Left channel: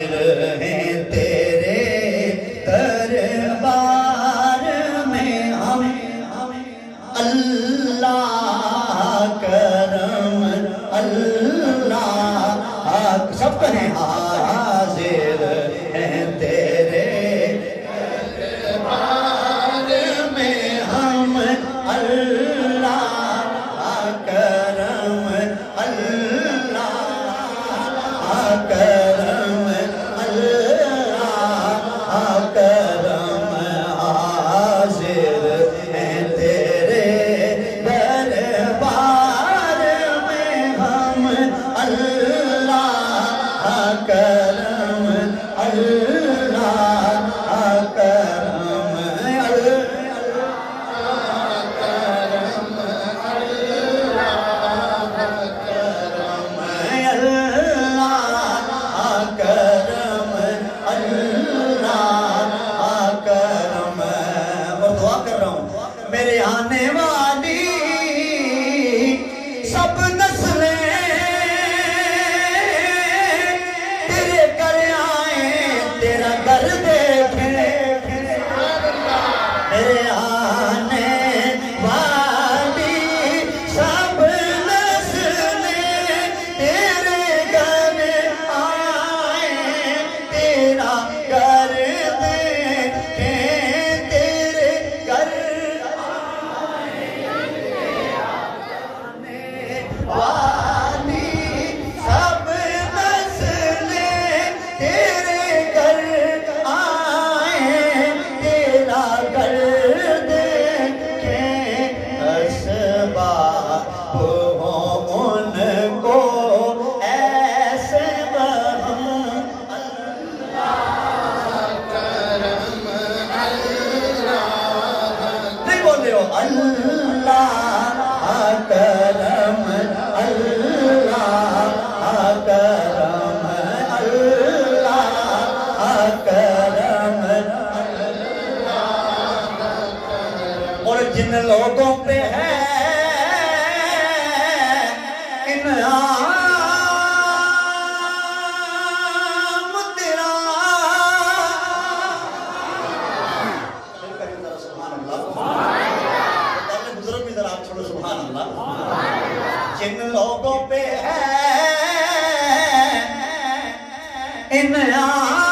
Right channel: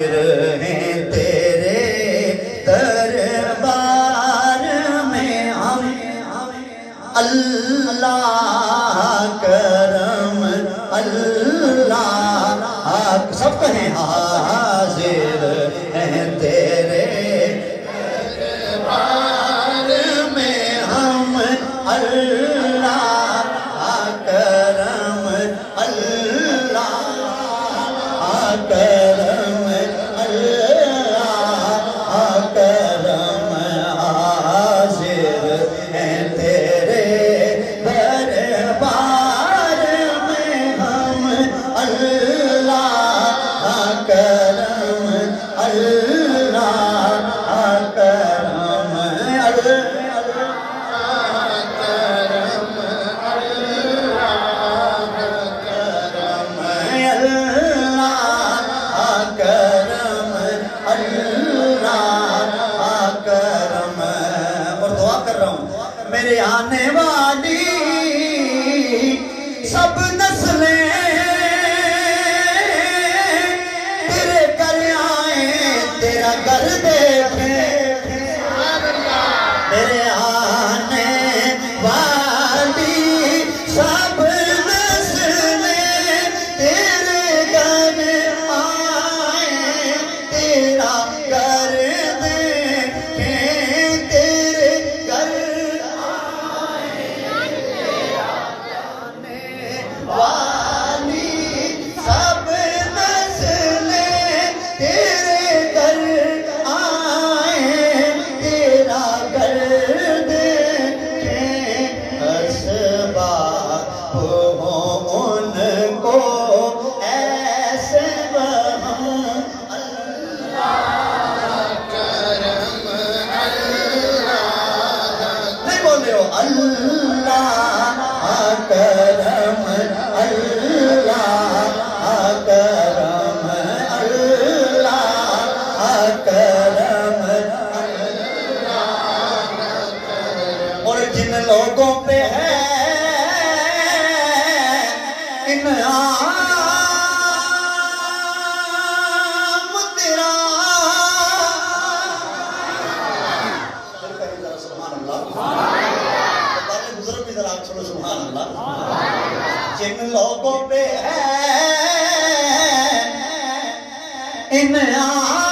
ہیں تیرے دربار میں ہم اللہ کرم اللہ سب کہیں حاضر ہیں تیرے دربار میں ہم اللہ کرم اللہ کرم کرم حاضر ہیں تیرے دربار میں ہم اللہ کرم میرے آنے والی سب نسلیں تیرے گھر آئیں تیرا گھر دیکھیں میرے آنے والی سب نسلیں تیرے گھر آئیں تیرا گھر اور جن لوگوں پہ ہے انعام تیرا سبحان اللہ بزرگ بھی ذرا آپ چھوڑو سبحان اللہ جن لوگوں پہ ہے انعام